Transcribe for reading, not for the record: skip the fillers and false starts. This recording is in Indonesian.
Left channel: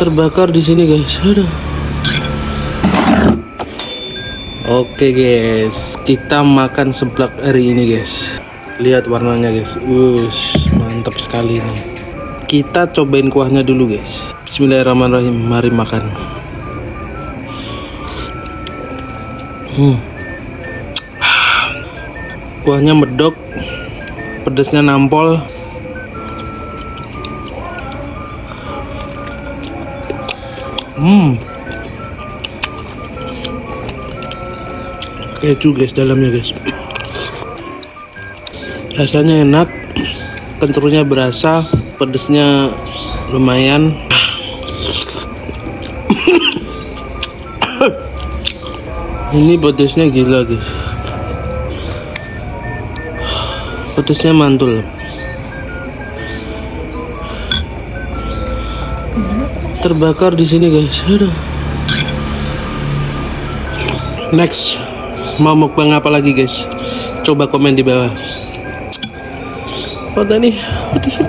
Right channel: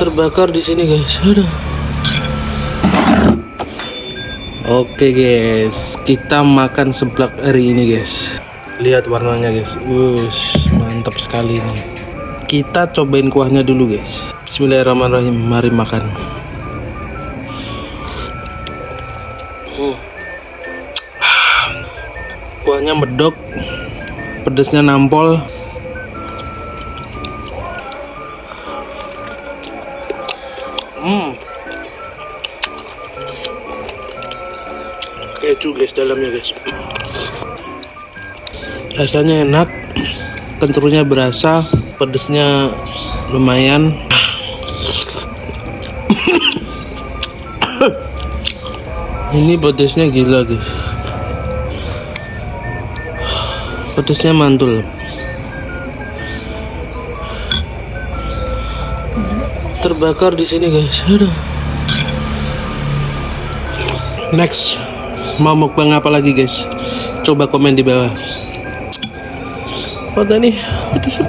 Terbakar di sini guys. Aduh. Oke guys, kita makan seblak hari ini guys. Lihat warnanya guys. Wush, mantap sekali nih. Kita cobain kuahnya dulu guys. Bismillahirrahmanirrahim. Mari makan. Kuahnya medok, pedasnya nampol. Keju guys dalamnya guys. Rasanya enak, kentalnya berasa, pedasnya lumayan. Ini pedasnya gila guys. Pedasnya mantul. Terbakar di sini guys. Aduh. Next, mau mukbang apa lagi guys? Coba komen di bawah. Apa nih? Pedasnya